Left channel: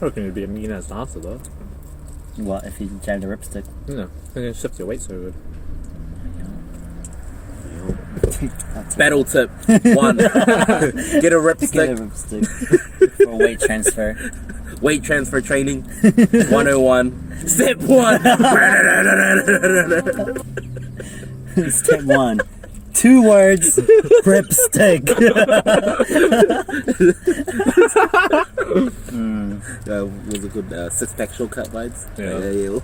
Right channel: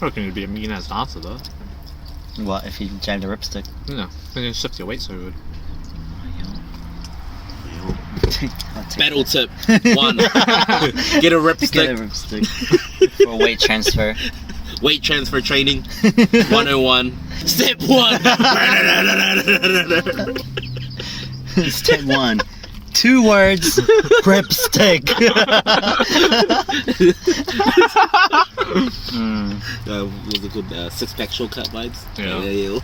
I reckon it'd be a mean ass dancer though. What if you jam the ripstick? Yeah, then you shift your weight so good. Battle tip 1. Get a ripstick. Get a ripstick for weight transfer. Weight transfer training 101. Step 1. Step 1. 2 words. Ripstick. Was a good 6-pack shortcut vibes. Yeah.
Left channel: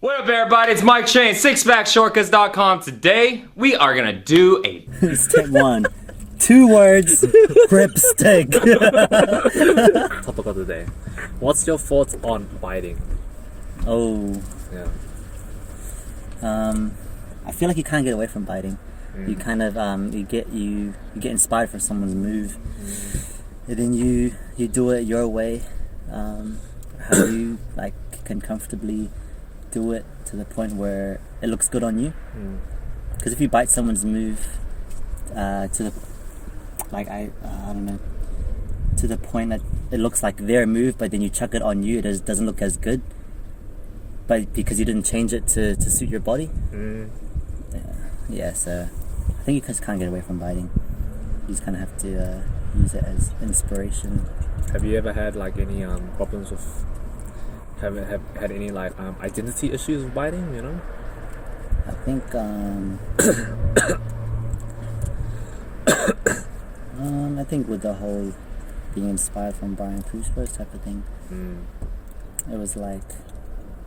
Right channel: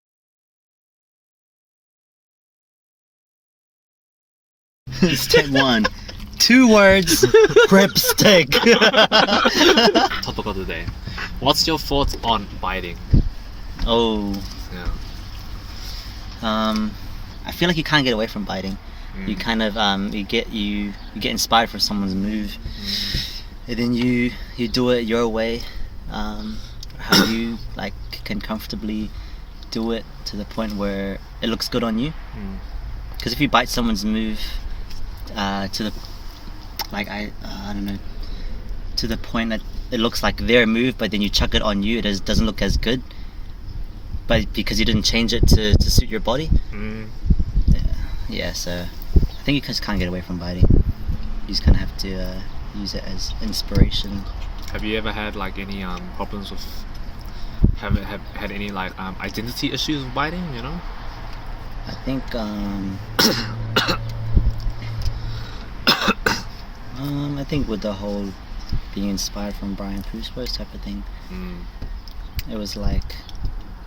What up, everybody? It's Mike Shane, sixpackshortcuts.com. Today, we are gonna do a Step 1. 2 words. Ripstick. Topic of the day. What's your thoughts on biting? Oh. Yeah. I feel like you can't get away from biting. You kind of you get inspired from someone's move, and then you do it your way, how you like can comfortably do it to the point where it looks good on you. Because if you bite someone's move to the like I don't know, to the point that it looks like their move, but then you chuck it on you, it doesn't look as good. But because you didn't change it to suit your body. Yeah, so I think you just can't get away from biting. You just kind of have to use it as inspiration. Have you ever had like any problems with? Have had any like identity issues with biting? You know. I think I think with the whole being inspired from Brian Bruce Boyce type of thing, it was like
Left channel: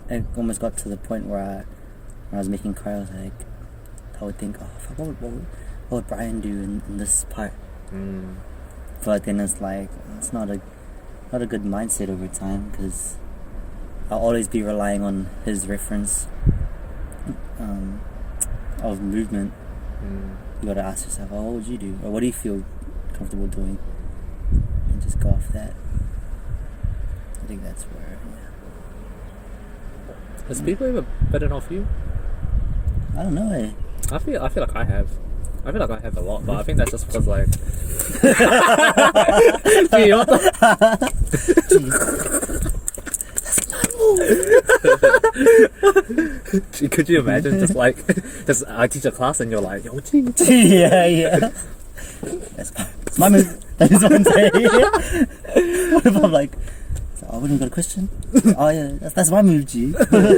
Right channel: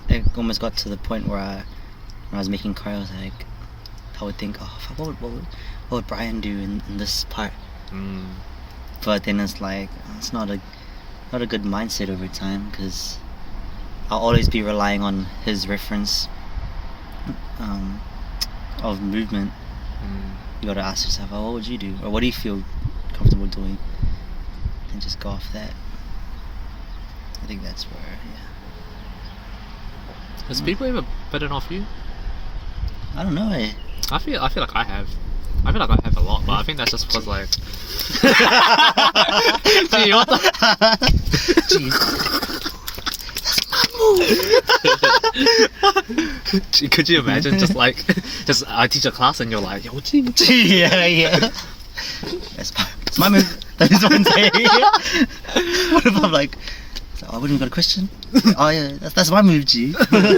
it almost got to the point where when I was making choreos, like I would think, oh, what would Brian do in this part? But then it's like it's not a good mindset over time, because I'll always be relying on his reference of movement. You gotta ask yourself, oh, what would you do, or what do you feel comfortable doing, and just go off that. I think that's where, Has people ever bitten off you? I don't know. I feel like I have. I feel like I have a lot, but I think that's just because like. Gee, what the? Gee, could you imagine just like, I teach a class and you're like, yo, gee. yeah. That's my move. That is what I'm saying. What if I'm like, I wouldn't got a question? Oh yeah, that's my move, G. Can you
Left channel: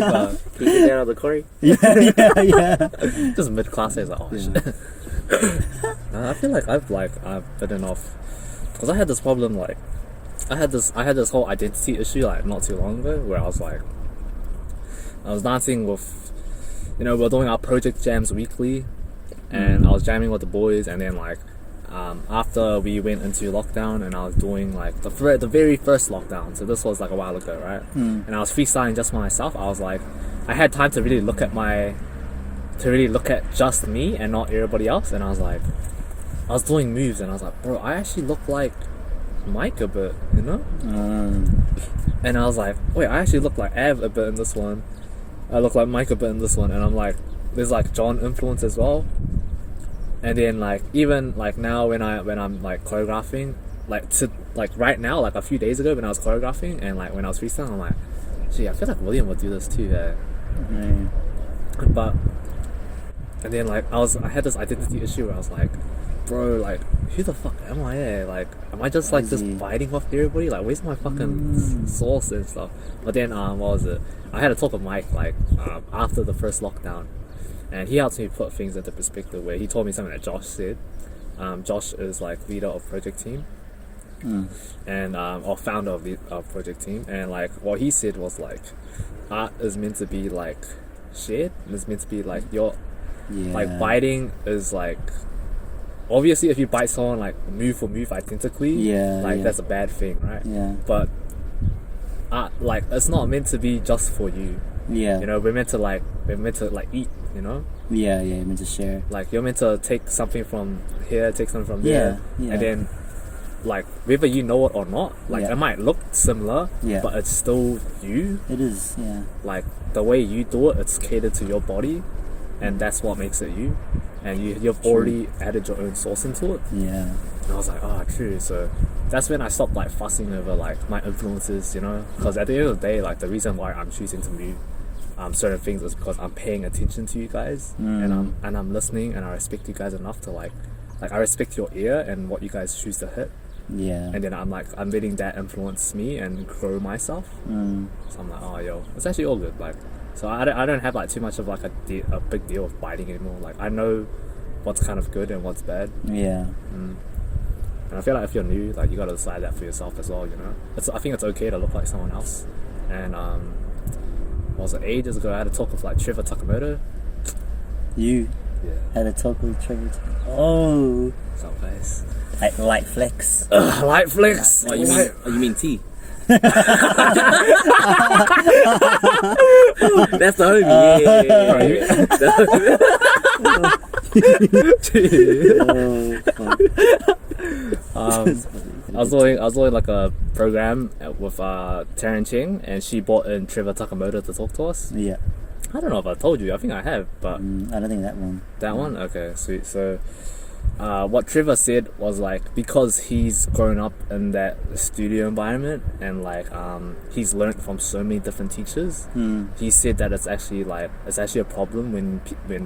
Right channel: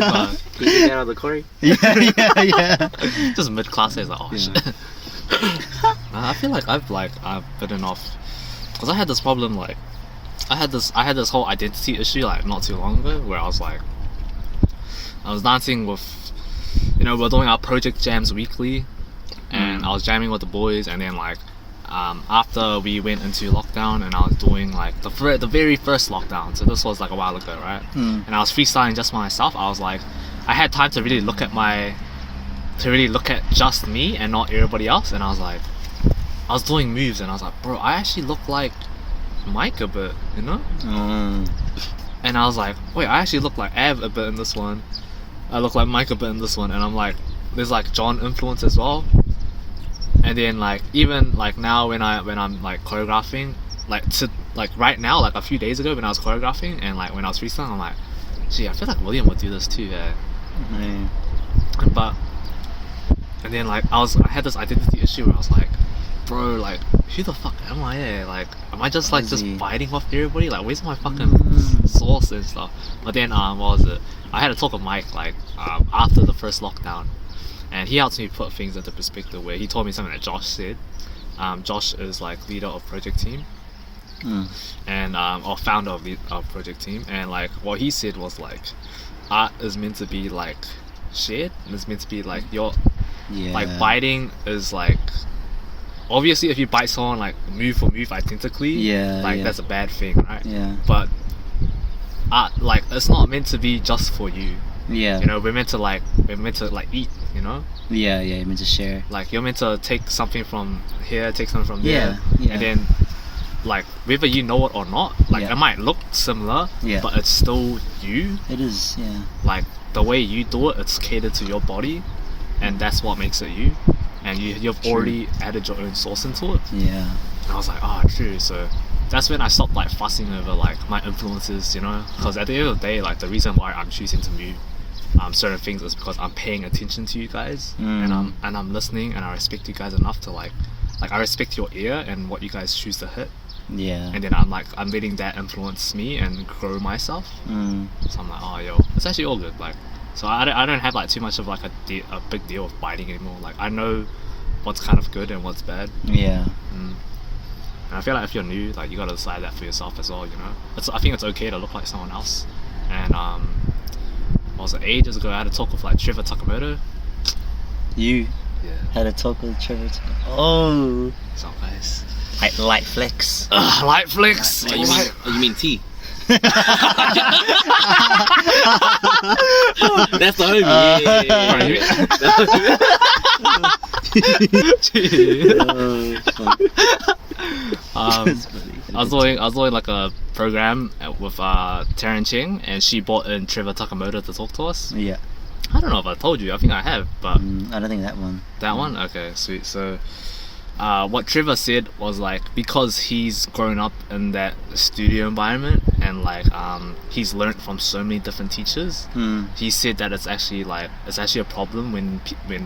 get down on the Corey? Yeah. Just mid class, it's like, oh shit. I feel like I've bitten off, because I had this problem, like I had this whole identity issue like not too long ago, where I was dancing with, we're doing our project jams weekly, and I was jamming with the boys, and then like after we went into lockdown, and I was doing like the very first lockdown, so this was like a while ago, right? And I was freestyling just myself. I was like, I had time to really look at just me and not everybody else, and I was like, I was doing moves and I was like, bro, I actually look like Mike a bit, and I was like, wait, I actually look like Av a bit in this one, I look like Mike a bit in this one, and I'm like, there's like John influence as well. And then like even like now when I'm like choreographing, like right now, like a few days ago when I was choreographing and like when I was freestyling, I'm like, gee, I feel like William would do this too, But and then like I had this identity issue where I was like, bro, like who the fuck am I? Like am I just like just biting off everybody? Like where's my fucking sauce and stuff? But then what was it? I had a talk with Mike like after the first lockdown, and he helped me put things into perspective, where he told me something that Josh said. Josh is like leader of project team, and or founder of project team, and like what he said was like, art is meant to be like shared, and it's meant to be like your like biting is like, obviously if you bite someone like move for move identically, that's a bad thing, right? But art, like it's not meant to be just for you. We're meant to like eat, you're meant to share. Like you're meant to take something from here, take something from there, and then like whether you know it or not, like it might look similar, but it's still you. It is, like the way you do it, it's catered to your body, and that's what makes it you, and you've already added your own sauce into it. And I was like, oh true. So that's when I stopped like fussing over like my influences, you know, because at the end of the day, like the reason why I'm choosing to move certain things is because I'm paying attention to you guys, and I'm listening, and I respect you guys enough to like I respect your ear and what you guys choose to hit. Yeah. And then I'm letting that influence me and grow myself. So I'm like, oh yo, it's actually all good. Like, so I don't have like too much of like a big deal with biting anymore. Like I know what's kind of good and what's bad. Yeah. And I feel like if you're new, like you gotta decide that for yourself as well. You know, I think it's okay to look like someone else. And what was it, ages ago I had a talk with like Trevor Takamoto. You had a talk with Trevor. Oh. It's not nice. Light flex. Light flex. Oh, you mean tea? That's the homie. I was doing like a program with Taryn Ching, and she brought in Trevor Takamoto to talk to us. Yeah. I don't know if I told you. I think I have, but I don't think that one. That one? Okay, sweet. So what Trevor said was like, because he's grown up in that studio environment and like he's learned from so many different teachers, he said that it's actually a problem when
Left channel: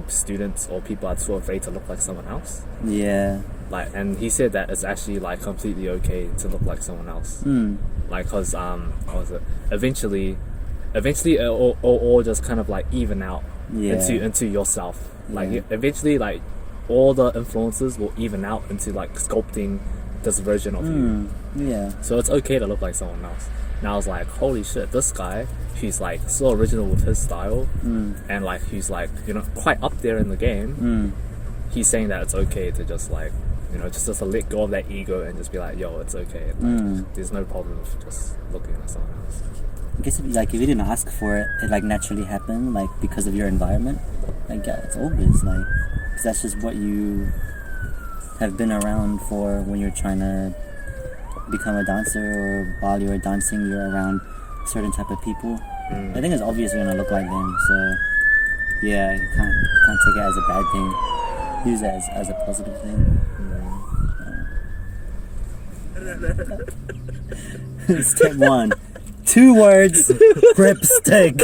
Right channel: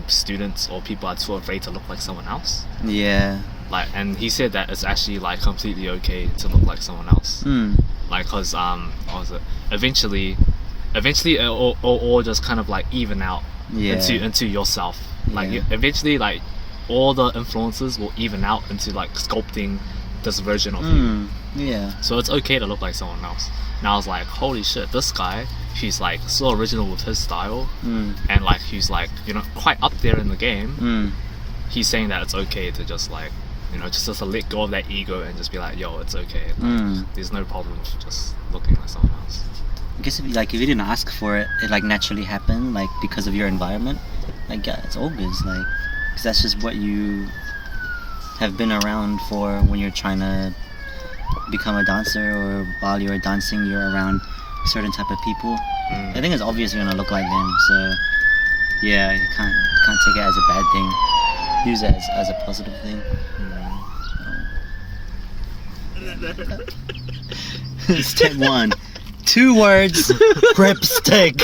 students or people are too afraid to look like someone else. Yeah. Like, and he said that it's actually like completely okay to look like someone else. Like, cause what was it? Eventually it'll all just kind of like even out into yourself. Like eventually, like all the influences will even out into like sculpting this version of you. Yeah. So it's okay to look like someone else. And I was like, holy shit, this guy, he's like so original with his style, and like he's like, you know, quite up there in the game. He's saying that it's okay to just like, you know, just to let go of that ego and just be like, yo, it's okay. Like, there's no problem with just looking like someone else. I guess if you didn't ask for it, it like naturally happened, like because of your environment. Like, yeah, it's all good. Like, because that's just what you have been around for when you're trying to become a dancer, or while you're dancing, you're around a certain type of people. I think it's obvious you're gonna look like them. So, yeah, you can't take it as a bad thing. Use it as a positive thing. Step 1. 2 words, grip stick.